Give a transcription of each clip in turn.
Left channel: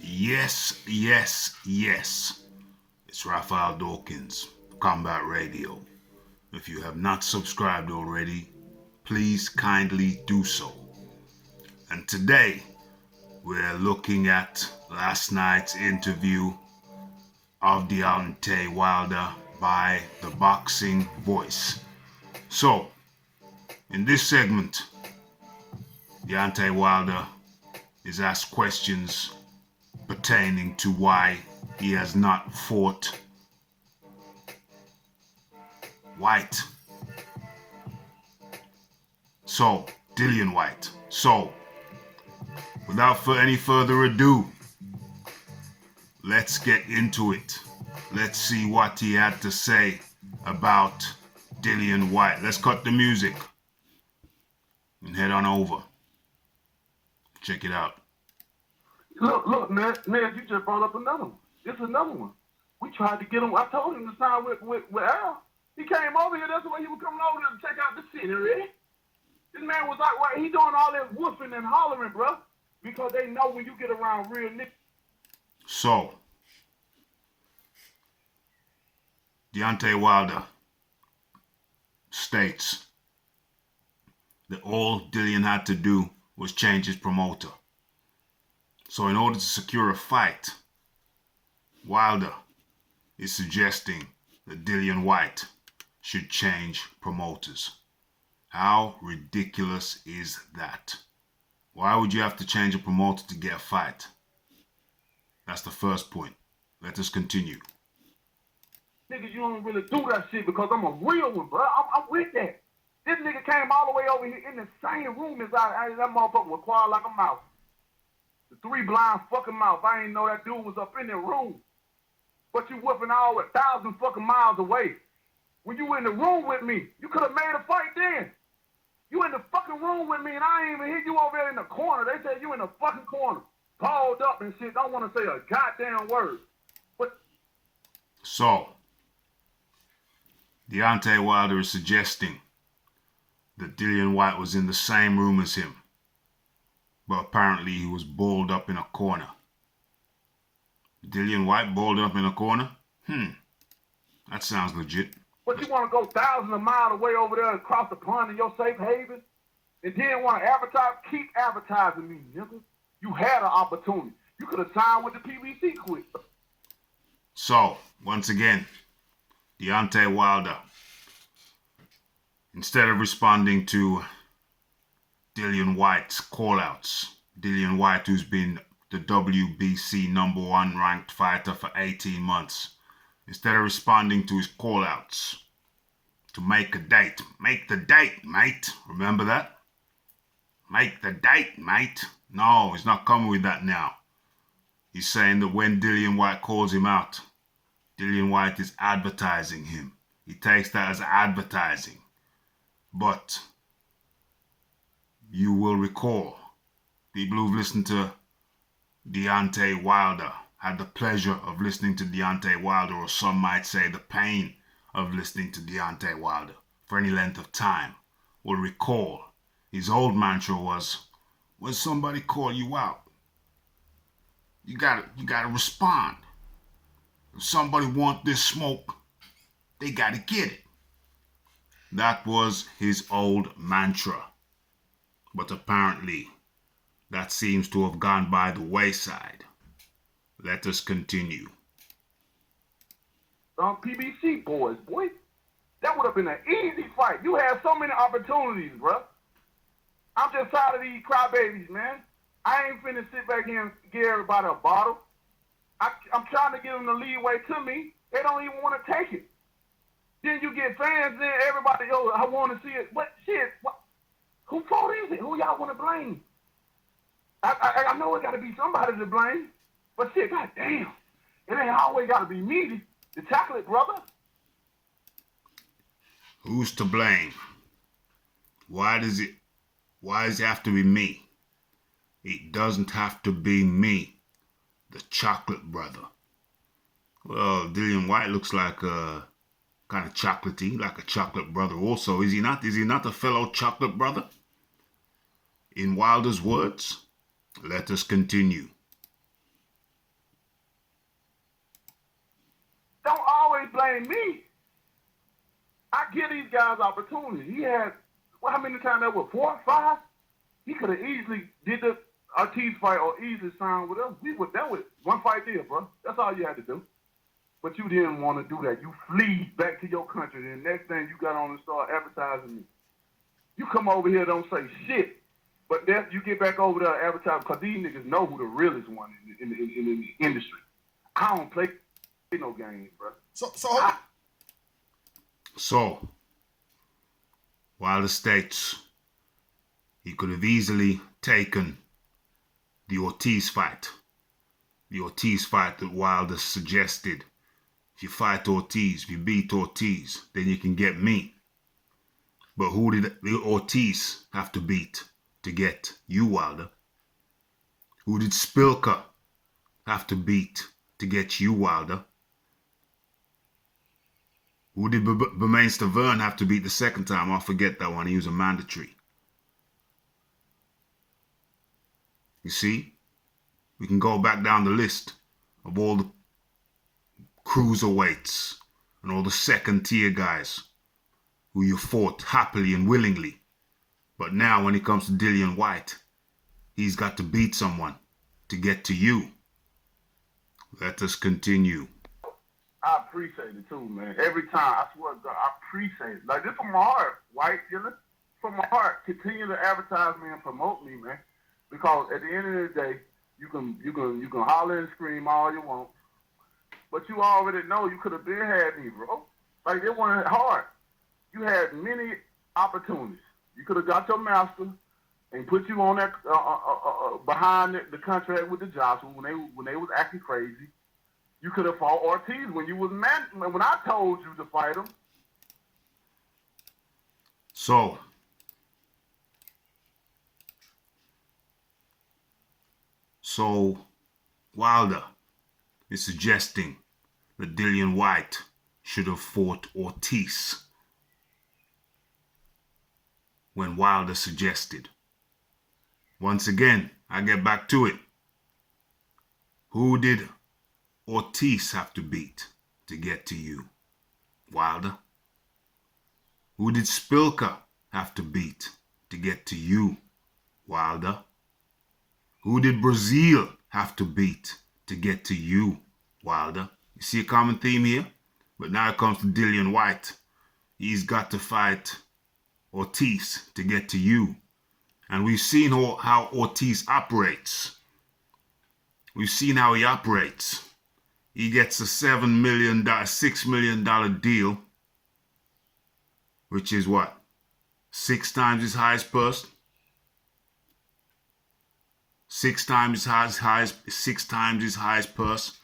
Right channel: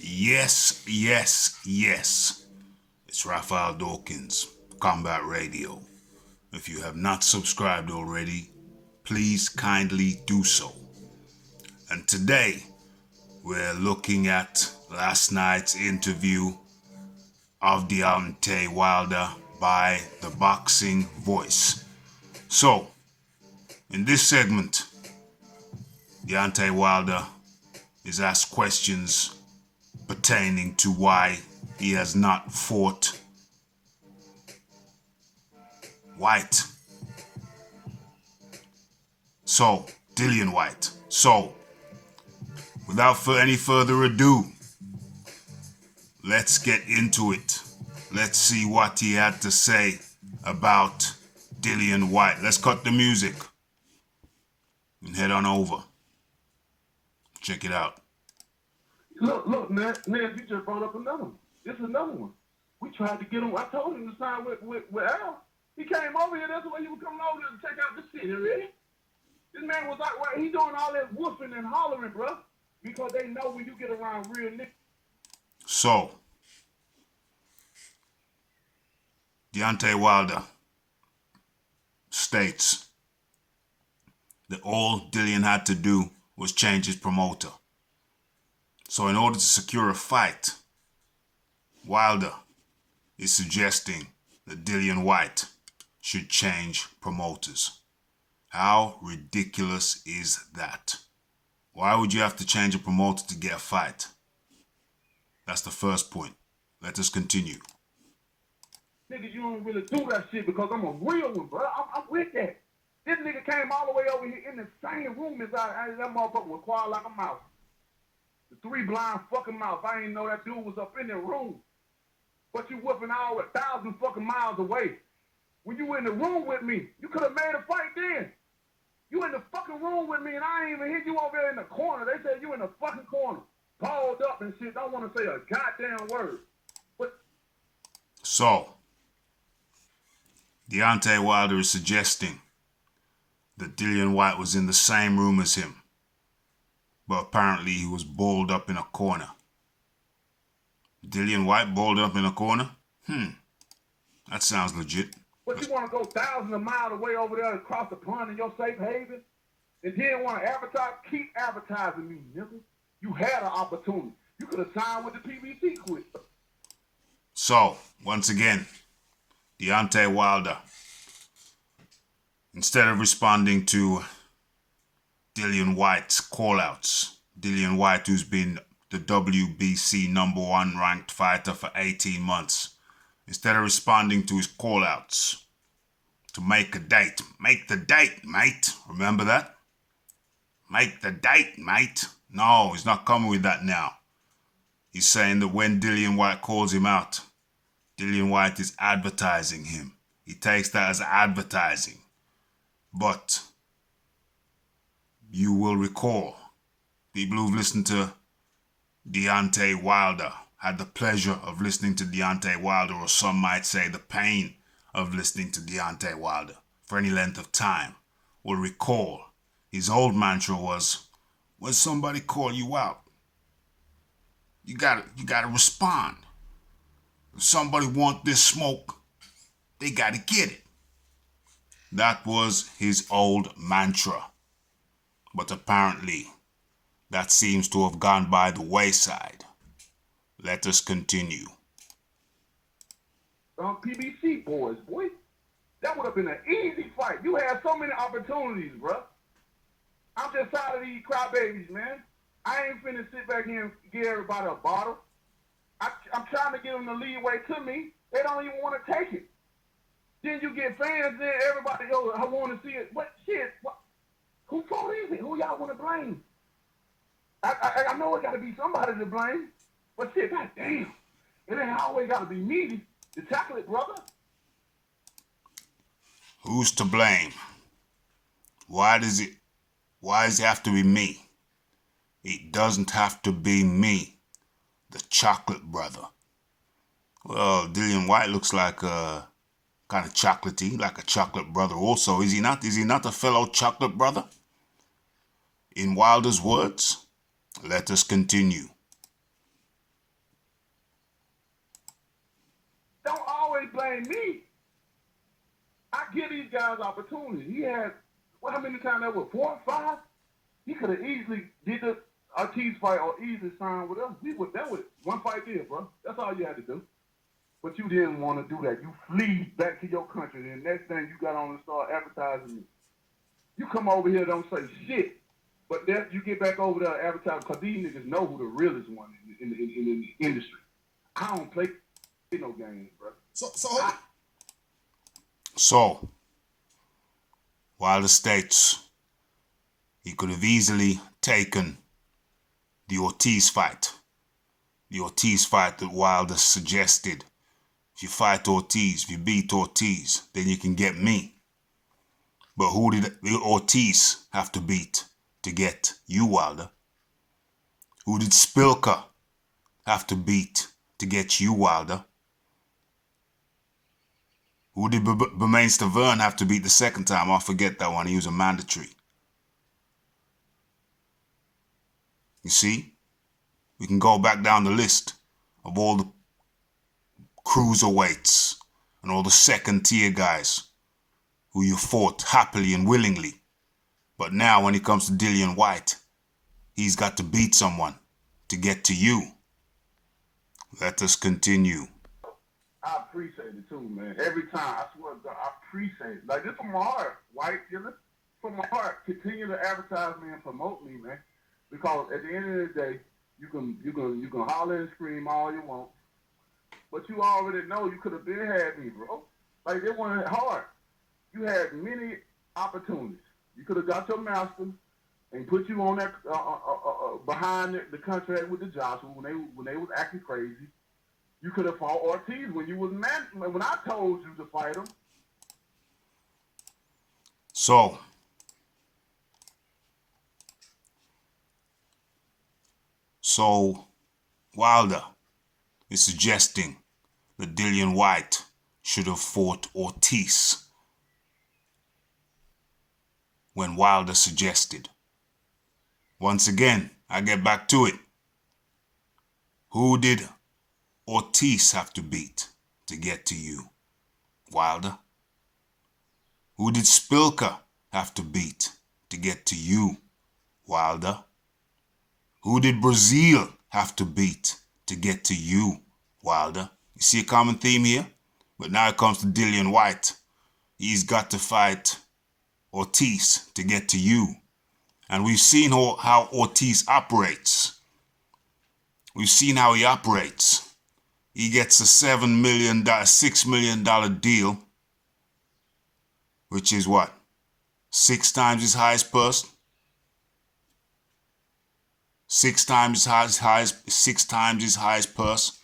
Yes, yes, yes. It's Raphael Dawkins, Combat Radio. If you have not subscribed already, please kindly do so. And today, we're looking at last night's interview of Deontay Wilder by the Boxing Voice. So, in this segment, Deontay Wilder is asked questions pertaining to why he has not fought Whyte. Dillian Whyte. Without any further ado, let's get into it. Let's see what he had to say about Dillian Whyte. Let's cut the music and head on over. Check it out. Look, man, you just brought up another one. This is another one. We tried to get him. I told him to sign with Al. He came over here. That's the way he was coming over here to check out the city, really. This man was like, right, he doing all that whooping and hollering, bro, because they know when you get around real niggas. So, Deontay Wilder states that all Dillian had to do was change his promoter. So in order to secure a fight, Wilder is suggesting that Dillian Whyte should change promoters. How ridiculous is that? Why would you have to change a promoter to get a fight? That's the first point. Let us continue. Nigga, you don't really do that shit because I'm a real one, bro. I'm with that. This nigga came all the way over here in the same room as that motherfucker was quiet like a mouse. The three blind fucking mouth. I ain't know that dude was up in the room. But you whipping all 1,000 fucking miles away. When you in the room with me, you could have made a fight then. You in the fucking room with me and I ain't even hit you over there in the corner. They said you in the fucking corner. Balled up and shit. Don't want to say a goddamn word. But so, Deontay Wilder is suggesting that Dillian Whyte was in the same room as him. But apparently he was balled up in a corner. Dillian Whyte balled up in a corner? That sounds legit. But you want to go thousands of miles away over there across the pond in your safe haven? And then want to advertise? Keep advertising me, nigga. You had an opportunity. You could have signed with the PBC quick. So, once again, Deontay Wilder, instead of responding to Dillian Whyte's call-outs, Dillian Whyte, who's been the WBC #1 ranked fighter for 18 months, instead of responding to his call-outs to make a date. Make the date, mate. Remember that? Make the date, mate. No, he's not coming with that now. He's saying that when Dillian Whyte calls him out, Dillian Whyte is advertising him. He takes that as advertising. But you will recall, people who've listened to Deontay Wilder, had the pleasure of listening to Deontay Wilder, or some might say the pain of listening to Deontay Wilder for any length of time, will recall his old mantra was, when somebody call you out, you gotta respond. If somebody want this smoke, they gotta get it. That was his old mantra. But apparently, that seems to have gone by the wayside. Let us continue. PBC boys, boy. That would have been an easy fight. You had so many opportunities, bro. I'm just tired of these crybabies, man. I ain't finna sit back here and give everybody a bottle. I'm trying to give them the leeway to me. They don't even want to take it. Then you get fans, then everybody, I want to see it. What shit? What? Whose fault is it? Who y'all want to blame? I know it got to be somebody to blame, but shit, goddamn, it ain't always got to be me, the chocolate brother. Who's to blame? Why does it have to be me? It doesn't have to be me, the chocolate brother. Well, Dillian Whyte looks like kind of chocolatey, like a chocolate brother also. Is he not? Is he not a fellow chocolate brother? In Wilder's words, let us continue. blame me. I give these guys opportunities. He had, well, how many times that was? 4 or 5? He could have easily did the Ortiz fight or easily signed with us. We were done with it. One fight deal, bro. That's all you had to do. But you didn't want to do that. You flee back to your country. And the next thing you got on and start advertising me. You come over here, don't say shit. But then you get back over there advertising because these niggas know who the realest one in the industry. I don't play no games, bro. So, Wilder states he could have easily taken the Ortiz fight. The Ortiz fight that Wilder suggested. If you fight Ortiz, if you beat Ortiz, then you can get me. But who did Ortiz have to beat to get you, Wilder? Who did Spilker have to beat to get you, Wilder? Who did Bermain Stavern have to beat the second time? I forget that one. He was a mandatory. You see? We can go back down the list of all the cruiserweights and all the second-tier guys who you fought happily and willingly. But now when it comes to Dillian Whyte, he's got to beat someone to get to you. Let us continue. I appreciate it too, man. Every time, I swear to God, I appreciate it. Like, this from my heart, White, from my heart. Continue to advertise me and promote me, man. Because at the end of the day, you can holler and scream all you want, but you already know you could have been had me, bro. Like, it wasn't hard. You had many opportunities. You could have got your master and put you on that behind the contract with the Joshua when they was acting crazy. You could have fought Ortiz when you was when I told you to fight him. So Wilder is suggesting that Dillian Whyte should have fought Ortiz when Wilder suggested. Once again, I get back to it. Who did Ortiz have to beat to get to you, Wilder? Who did Spilker have to beat to get to you, Wilder? Who did Brazil have to beat to get to you, Wilder? You see a common theme here? But now it comes to Dillian Whyte. He's got to fight Ortiz to get to you. And we've seen how Ortiz operates. We've seen how he operates. He gets a $6 million deal, which is what? 6 times his highest purse? 6 times his highest purse.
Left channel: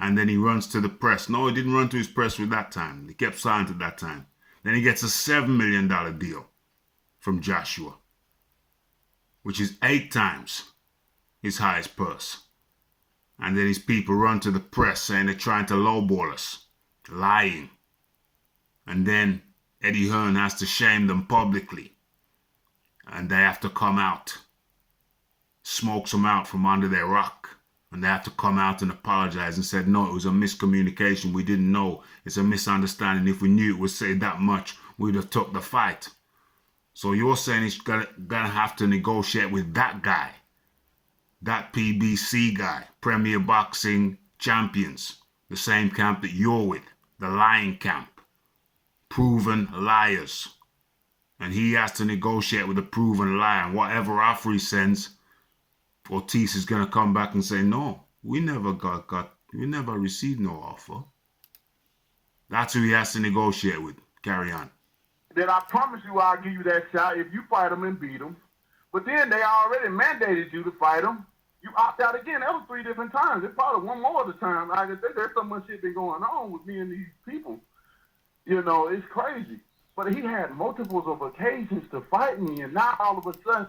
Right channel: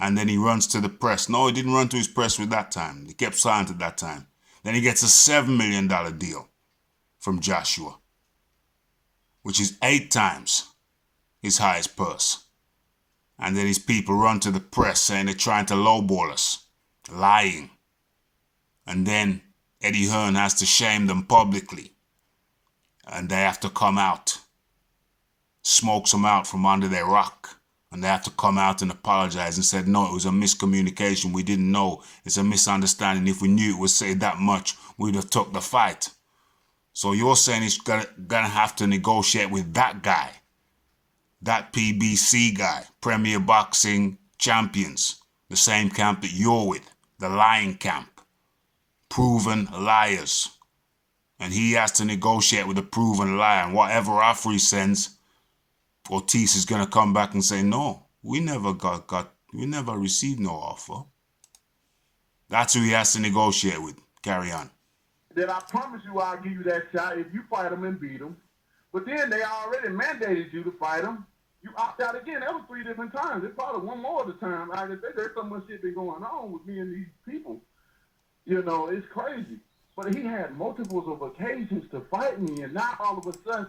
And then he runs to the press. No, he didn't run to his press with that time. He kept silent at that time. Then he gets a $7 million deal from Joshua, which is 8 times his highest purse. And then his people run to the press saying they're trying to lowball us, lying. And then Eddie Hearn has to shame them publicly. And they have to come out, smokes them out from under their rock. And they have to come out and apologize and said, no, it was a miscommunication. We didn't know. It's a misunderstanding. If we knew it would say that much, we'd have took the fight. So you're saying he's gonna have to negotiate with that guy, that PBC guy, Premier Boxing Champions, the same camp that you're with, the lying camp, proven liars. And he has to negotiate with a proven liar. And whatever offer he sends, Ortiz is going to come back and say, no, we never received no offer. That's who he has to negotiate with. Carry on. Then I promise you I'll give you that shot if you fight him and beat him. But then they already mandated you to fight him. You opt out again. That was 3 different times. It's probably one more of the time. I think there's so much shit been going on with me and these people. You know, it's crazy. But he had multiples of occasions to fight me, and now all of a sudden,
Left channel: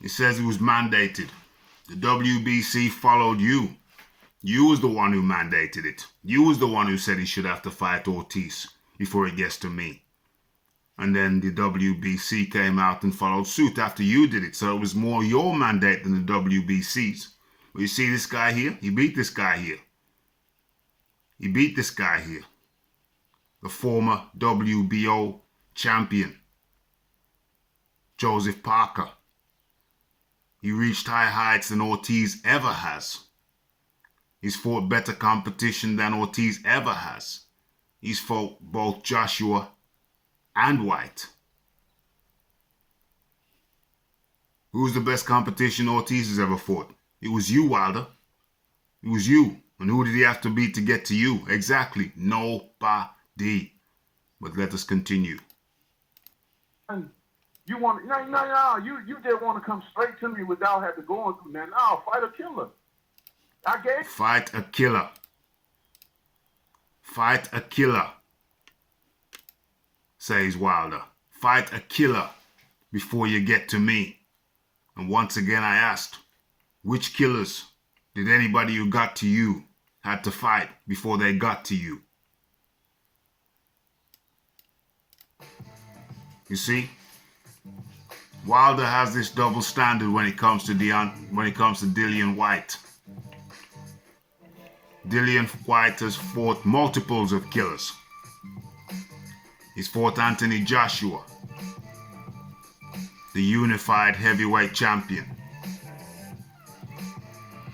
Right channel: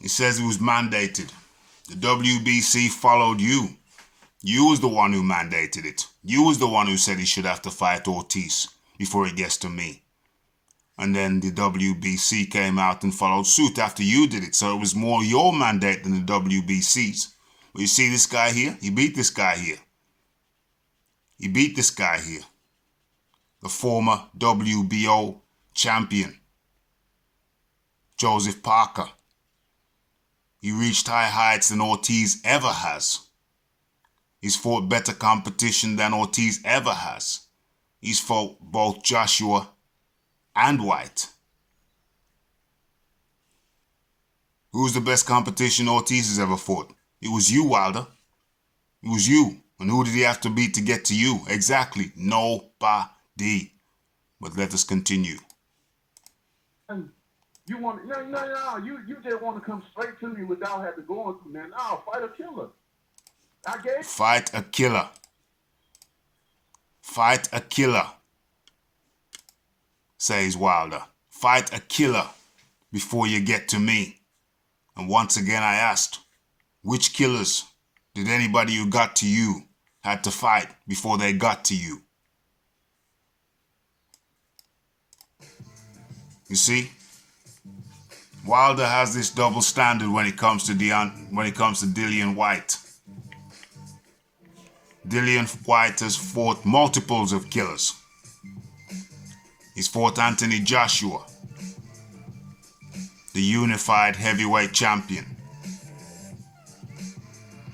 he says it was mandated. The WBC followed you. You was the one who mandated it. You was the one who said he should have to fight Ortiz before he gets to me. And then the WBC came out and followed suit after you did it. So it was more your mandate than the WBC's. But you see this guy here? He beat this guy here. He beat this guy here. the former WBO champion, Joseph Parker. He reached high heights than Ortiz ever has. He's fought better competition than Ortiz ever has. He's fought both Joshua and Whyte. Who's the best competition Ortiz has ever fought? It was you, Wilder. It was you. And who did he have to beat to get to you? Exactly. Nobody. But let us continue. You want no. You just want to come straight to me without having to go on through that. No, fight a killer. Fight a killer. Fight a killer, says Wilder. Fight a killer before you get to me. And once again I asked, which killers did anybody who got to you had to fight before they got to you? You see? Wilder has this double standard when it comes to Dillian Whyte. Dillian Whyte has fought multiples of killers. He's fought Anthony Joshua, the unified heavyweight champion.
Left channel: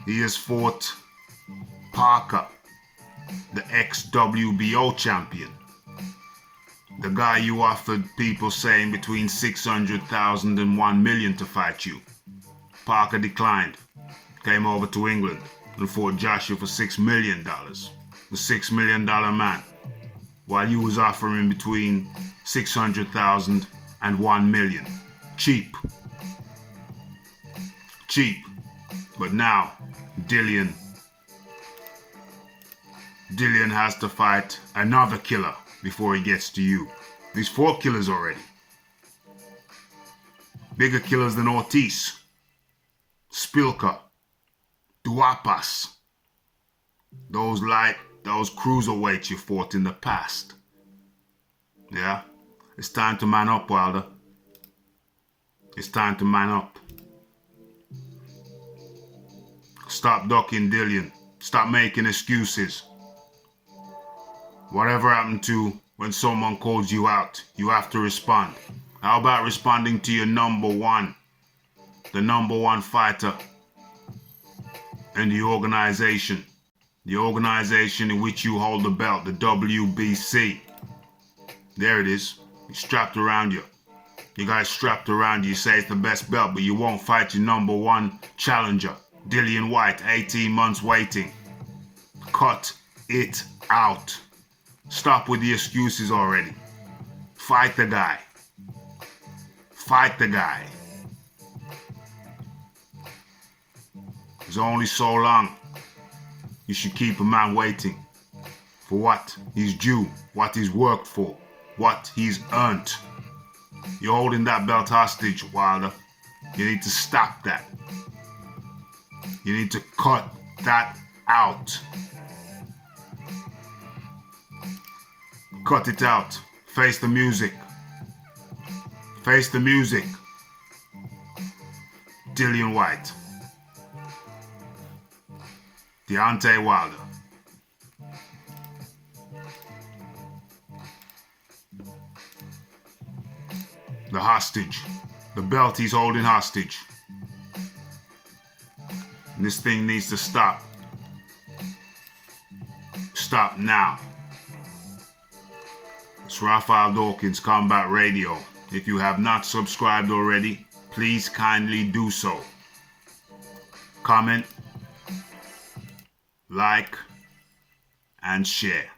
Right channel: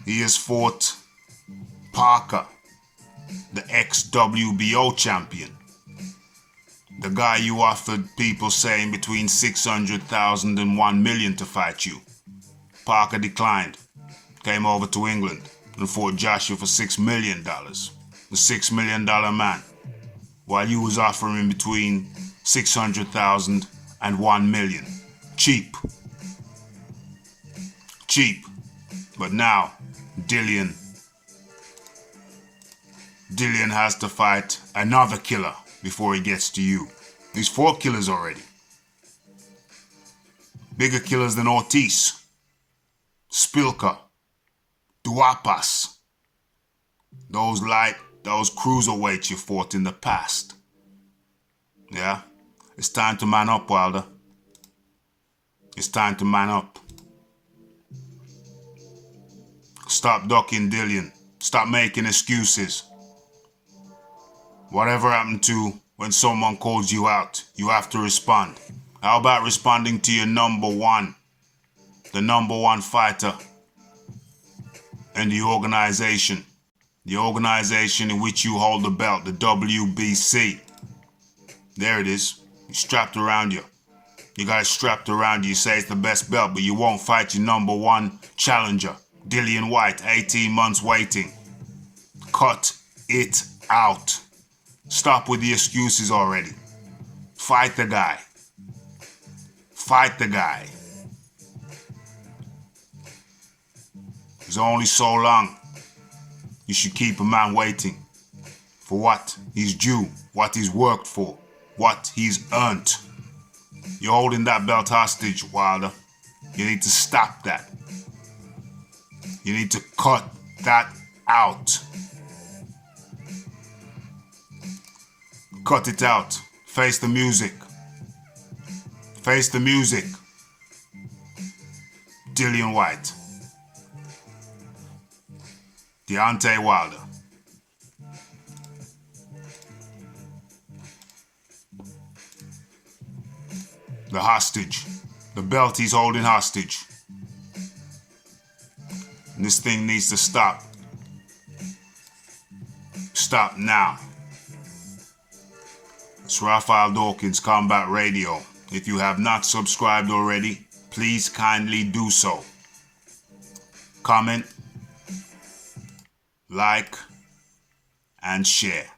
He has fought Parker, the ex-WBO champion. The guy you offered people saying between 600,000 and 1 million to fight you. Parker declined, came over to England and fought Joshua for $6 million. The $6 million man. While you was offering between 600,000 and 1 million. Cheap. Cheap. But now, Dillian has to fight another killer before he gets to you. He's 4 killers already. Bigger killers than Ortiz, Spilka, Duapas. Those cruiserweights you fought in the past. Yeah? It's time to man up, Wilder. It's time to man up. Stop ducking Dillian. Stop making excuses. Whatever happened to when someone calls you out, you have to respond. How about responding to your number one? The number one fighter in the organization. The organization in which you hold the belt, the WBC. There it is. It's strapped around you. You got it strapped around you. You say it's the best belt, but you won't fight your number one challenger. Dillian Whyte, 18 months waiting. Cut it out. Stop with the excuses already. Fight the guy. Fight the guy. There's only so long you should keep a man waiting for what he's due, what he's worked for, what he's earned. You're holding that belt hostage, Wilder. You need to stop that. You need to cut that out. Cut it out. Face the music. Face the music. Dillian Whyte. Deontay Wilder. The hostage. The belt he's holding hostage. And this thing needs to stop. Stop now. It's Raphael Dawkins, Combat Radio. If you have not subscribed already, please kindly do so. Comment, like, and share.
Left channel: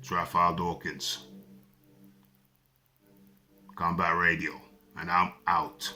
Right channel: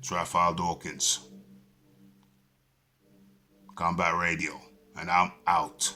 It's Raphael Dawkins, Combat Radio, and I'm out.